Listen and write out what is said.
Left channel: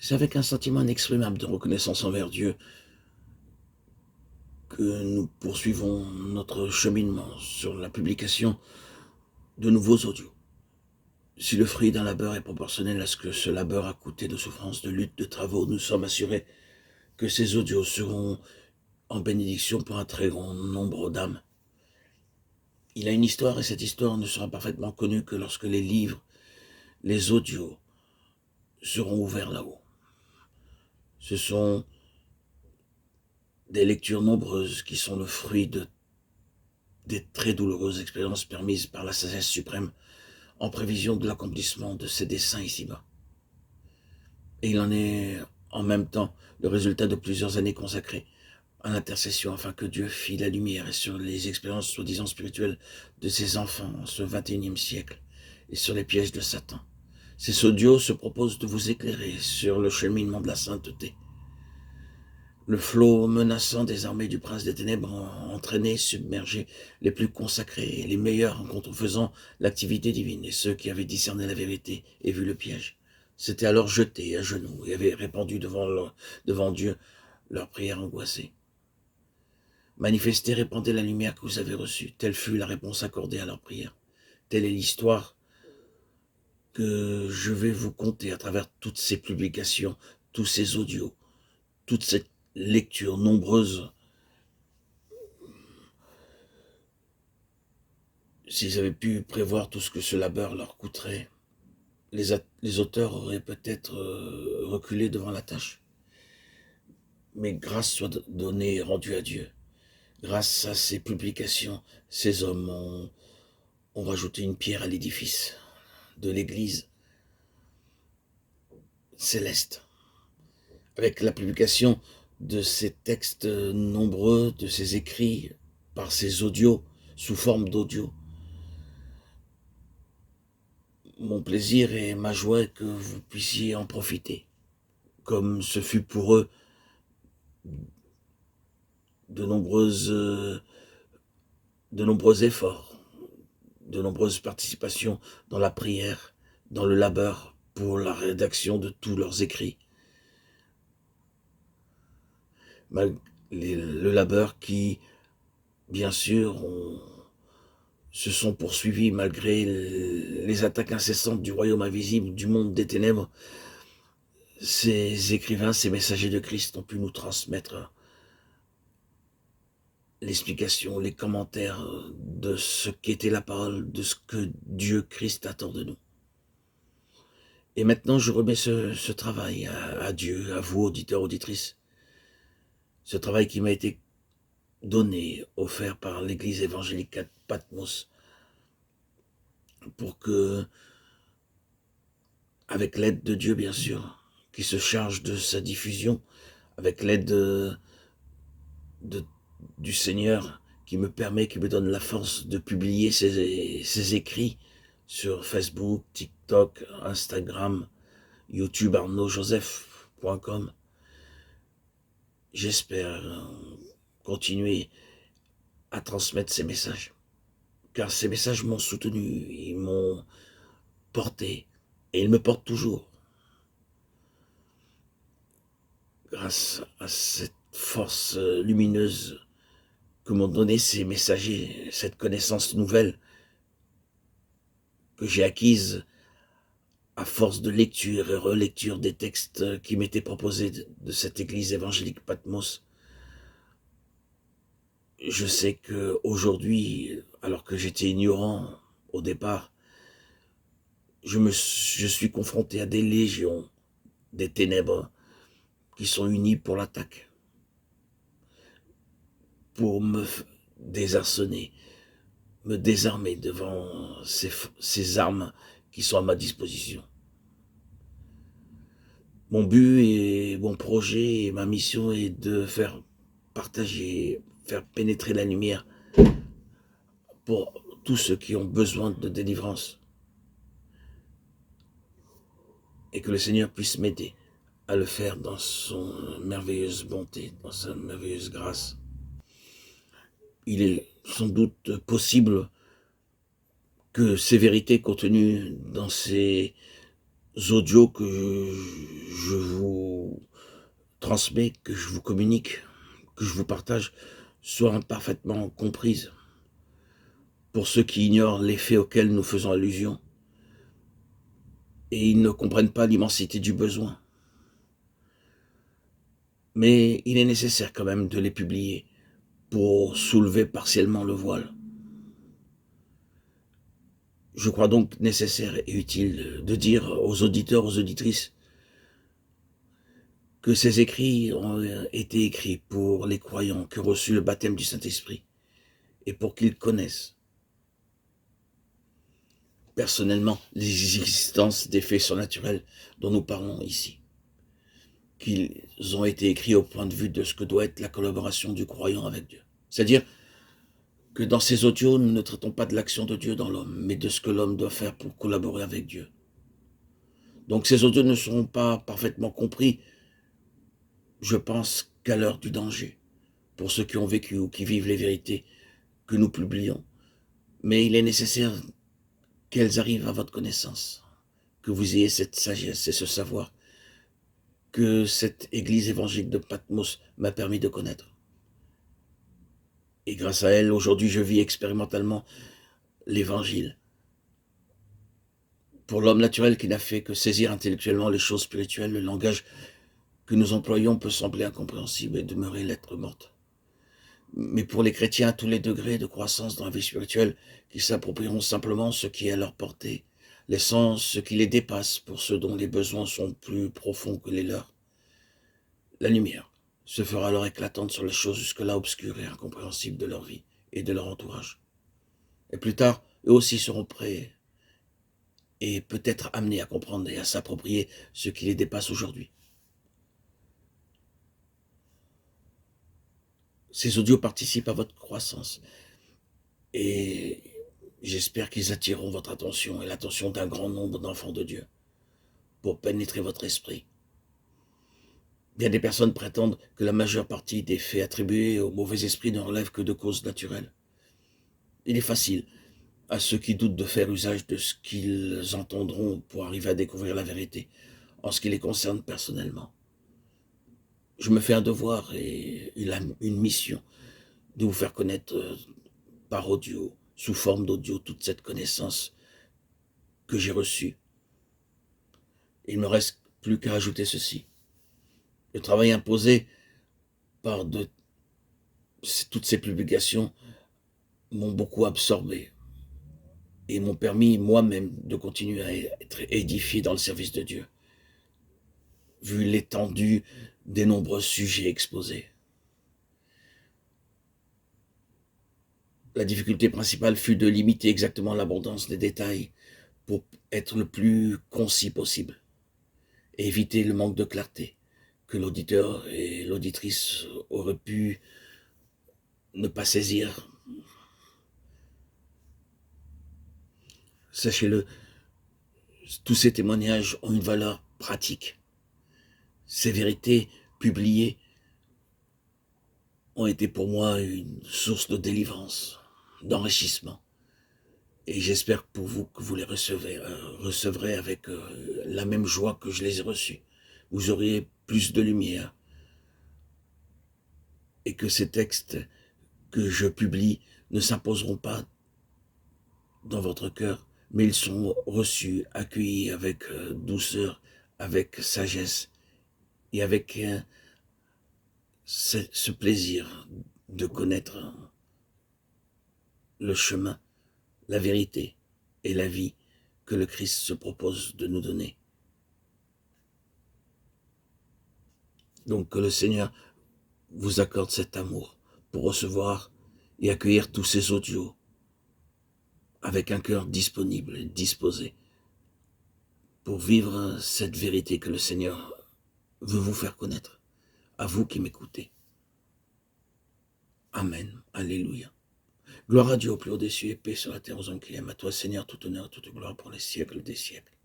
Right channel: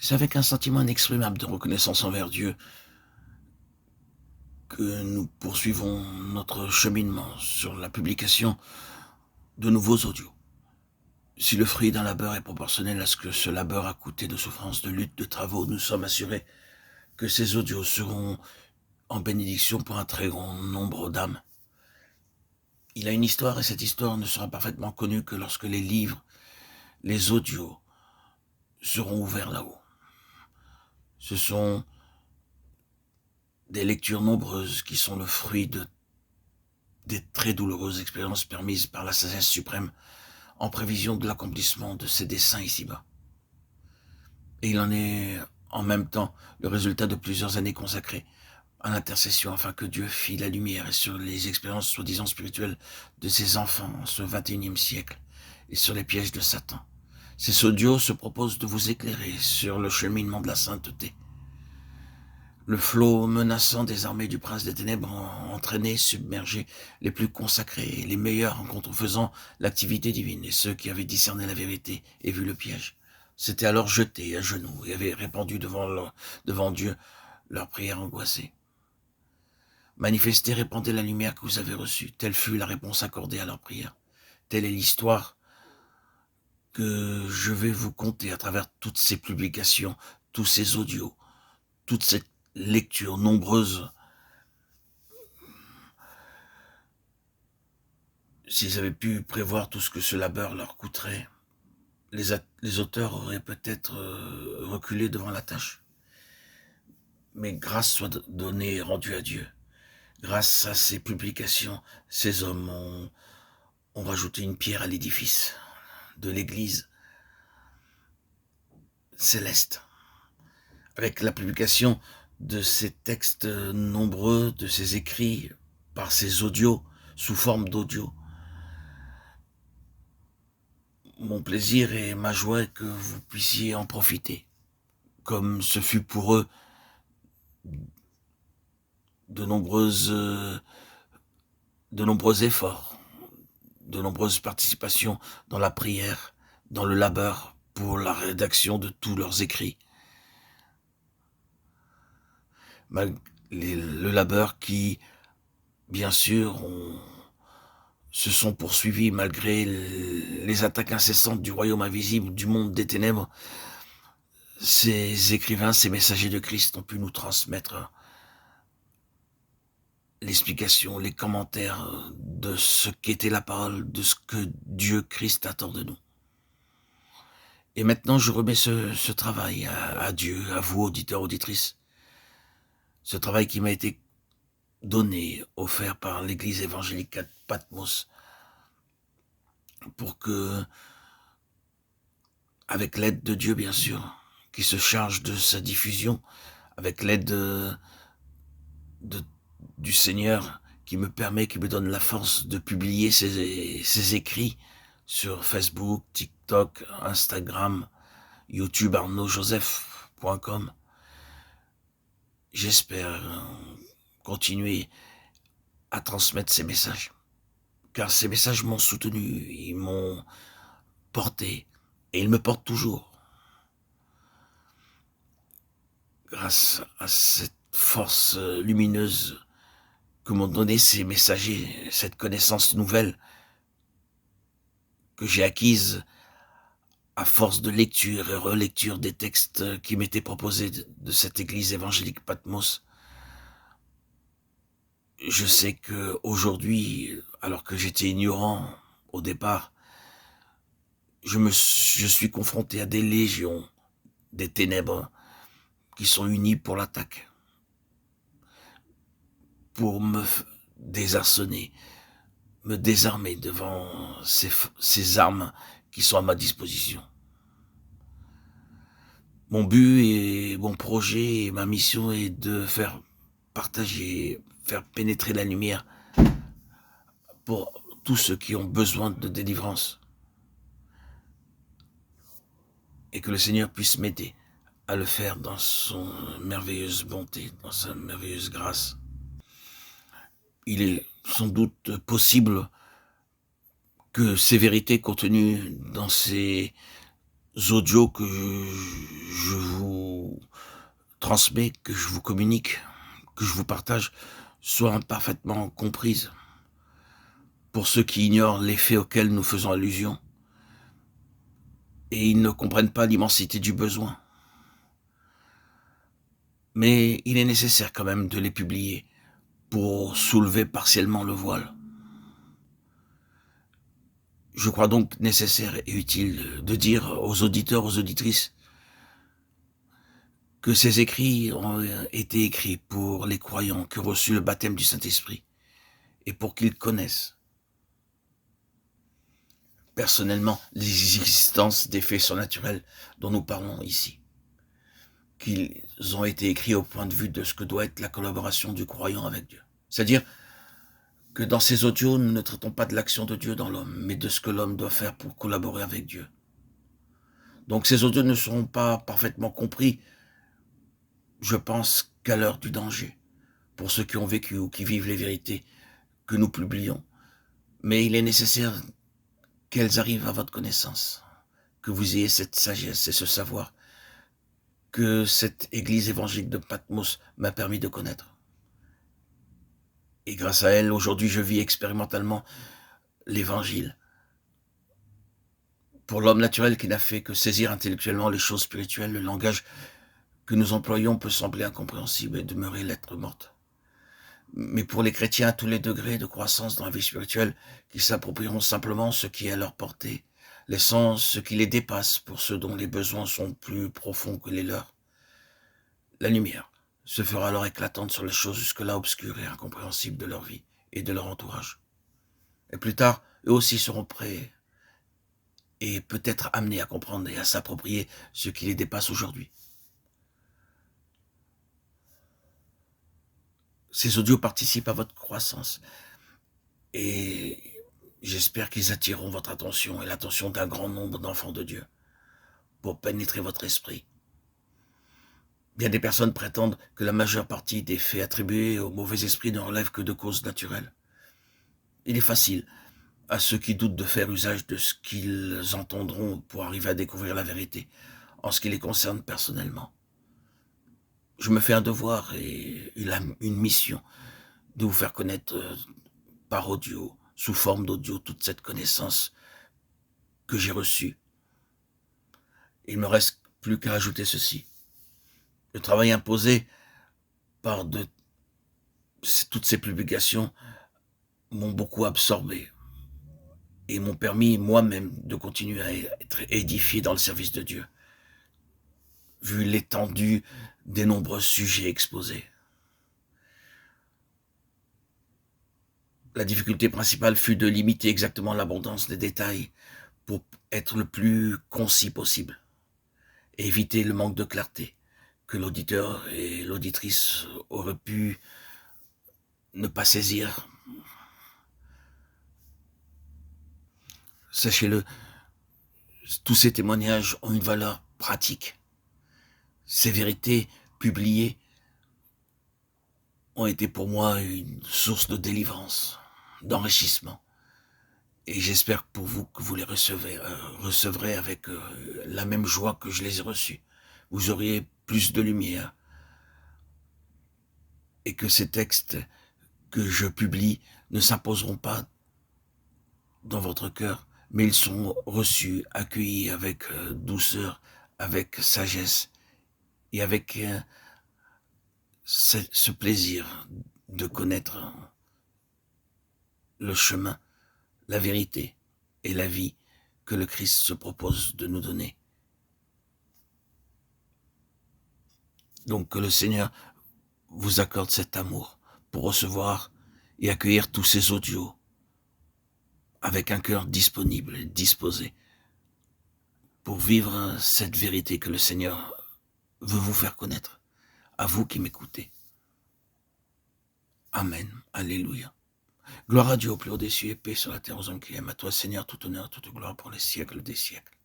C'est avec un sentiment inexprimable de reconnaissance envers Dieu que nous poursuivons notre cheminement sur la publication de nouveaux audios. Si le fruit d'un labeur est proportionnel à ce que ce labeur a coûté de souffrance, de lutte, de travaux, nous sommes assurés que ces audios seront en bénédiction pour un très grand nombre d'âmes. Il a une histoire et cette histoire ne sera parfaitement connue que lorsque les livres, les audios seront ouverts là-haut. Ce sont des lectures nombreuses qui sont le fruit des très douloureuses expériences permises par la sagesse suprême en prévision de l'accomplissement de ses desseins ici-bas. Et il en est en même temps le résultat de plusieurs années consacrées à l'intercession afin que Dieu fît la lumière sur les expériences soi-disant spirituelles de ses enfants en ce XXIe siècle et sur les pièges de Satan. Ces audios se proposent de vous éclairer sur le cheminement de la sainteté. Le flot menaçant des armées du prince des ténèbres a entraîné, submergé les plus consacrés et les meilleurs en contrefaisant l'activité divine, et ceux qui avaient discerné la vérité et vu le piège s'étaient alors jetés à genoux et avaient répandu devant Dieu leurs prières angoissées. Manifestez, répandez la lumière que vous avez reçue. Telle fut la réponse accordée à leurs prières. Telle est l'histoire que je vais vous conter à travers toutes ces publications, tous ces audios, toute cette lecture nombreuse. S'ils avaient pu prévoir tout ce que ce labeur leur coûterait, les auteurs auraient peut-être reculé devant la tâche. Mais grâce soit donnée et rendue à Dieu. Grâce à ces publications, ces hommes ont rajouté une pierre à l'édifice de l'Église céleste. Avec la publication de ces textes nombreux, de ces écrits, par ces audios, sous forme d'audio, mon plaisir et ma joie est que vous puissiez en profiter, comme ce fut pour eux de nombreux efforts, de nombreuses participations dans la prière, dans le labeur, pour la rédaction de tous leurs écrits. Le labeur qui, bien sûr, se sont poursuivis malgré les attaques incessantes du royaume invisible, du monde des ténèbres. Ces écrivains, ces messagers de Christ ont pu nous transmettre l'explication, les commentaires de ce qu'était la parole, de ce que Dieu Christ attend de nous. Et maintenant, je remets ce travail à Dieu, à vous, auditeurs, auditrices. Ce travail qui m'a été donné, offert par l'Église évangélique à Patmos, pour que, avec l'aide de Dieu, bien sûr, qui se charge de sa diffusion, avec l'aide du Seigneur, qui me donne la force de publier ses écrits sur Facebook, TikTok, Instagram, YouTube, arnaudjoseph.com. J'espère continuer à transmettre ces messages, car ces messages m'ont soutenu, ils m'ont porté, et ils me portent toujours. Grâce à cette force lumineuse que m'ont donné ces messagers, cette connaissance nouvelle que j'ai acquise à force de lecture et relecture des textes qui m'étaient proposés de cette église évangélique Patmos. Je sais qu'aujourd'hui, alors que j'étais ignorant au départ, je suis confronté à des légions, des ténèbres qui sont unies pour l'attaque, pour me désarçonner, me désarmer devant ces armes qui sont à ma disposition. Mon but et mon projet et ma mission est de faire partager, faire pénétrer la lumière pour tous ceux qui ont besoin de délivrance. Et que le Seigneur puisse m'aider à le faire dans son merveilleuse bonté, dans sa merveilleuse grâce. Il est sans doute possible que ces vérités contenues dans ces audios que je vous transmets, que je vous communique, que je vous partage, soient parfaitement comprises pour ceux qui ignorent les faits auxquels nous faisons allusion et ils ne comprennent pas l'immensité du besoin. Mais il est nécessaire quand même de les publier pour soulever partiellement le voile. Je crois donc nécessaire et utile de dire aux auditeurs, aux auditrices, que ces écrits ont été écrits pour les croyants qui ont reçu le baptême du Saint-Esprit et pour qu'ils connaissent personnellement l'existence des faits surnaturels dont nous parlons ici. Qu'ils ont été écrits au point de vue de ce que doit être la collaboration du croyant avec Dieu. C'est-à-dire que dans ces audios, nous ne traitons pas de l'action de Dieu dans l'homme, mais de ce que l'homme doit faire pour collaborer avec Dieu. Donc ces audios ne seront pas parfaitement compris, je pense, qu'à l'heure du danger, pour ceux qui ont vécu ou qui vivent les vérités que nous publions. Mais il est nécessaire qu'elles arrivent à votre connaissance, que vous ayez cette sagesse et ce savoir que cette église évangélique de Patmos m'a permis de connaître. Et grâce à elle, aujourd'hui, je vis expérimentalement l'évangile. Pour l'homme naturel qui n'a fait que saisir intellectuellement les choses spirituelles, le langage que nous employons peut sembler incompréhensible et demeurer lettre morte. Mais pour les chrétiens à tous les degrés de croissance dans la vie spirituelle, qui s'approprieront simplement ce qui est à leur portée, laissant ce qui les dépasse pour ceux dont les besoins sont plus profonds que les leurs, la lumière se fera alors éclatante sur les choses jusque-là obscures et incompréhensibles de leur vie et de leur entourage. Et plus tard, eux aussi seront prêts et peut-être amenés à comprendre et à s'approprier ce qui les dépasse aujourd'hui. Ces audios participent à votre croissance et j'espère qu'ils attireront votre attention et l'attention d'un grand nombre d'enfants de Dieu pour pénétrer votre esprit. Bien des personnes prétendent que la majeure partie des faits attribués au mauvais esprit ne relèvent que de causes naturelles. Il est facile à ceux qui doutent de faire usage de ce qu'ils entendront pour arriver à découvrir la vérité en ce qui les concerne personnellement. Je me fais un devoir et une mission de vous faire connaître par audio, sous forme d'audio, toute cette connaissance que j'ai reçue. Il ne me reste plus qu'à ajouter ceci. Le travail imposé par toutes ces publications m'ont beaucoup absorbé et m'ont permis moi-même de continuer à être édifié dans le service de Dieu, vu l'étendue des nombreux sujets exposés. La difficulté principale fut de limiter exactement l'abondance des détails pour être le plus concis possible et éviter le manque de clarté que l'auditeur et l'auditrice auraient pu ne pas saisir. Sachez-le, tous ces témoignages ont une valeur pratique. Ces vérités publiées ont été pour moi une source de délivrance, d'enrichissement. Et j'espère pour vous que vous les recevrez avec la même joie que je les ai reçus. Vous auriez plus de lumière et que ces textes que je publie ne s'imposeront pas dans votre cœur, mais ils sont reçus, accueillis avec douceur, avec sagesse et avec ce plaisir de connaître le chemin, la vérité et la vie que le Christ se propose de nous donner. Donc que le Seigneur vous accorde cet amour pour recevoir et accueillir tous ces audios avec un cœur disponible et disposé pour vivre cette vérité que le Seigneur veut vous faire connaître, à vous qui m'écoutez. Amen. Alléluia. Gloire à Dieu au plus haut des cieux et paix sur la terre aux hommes qui aiment. À toi, Seigneur, tout honneur, toute gloire pour les siècles des siècles.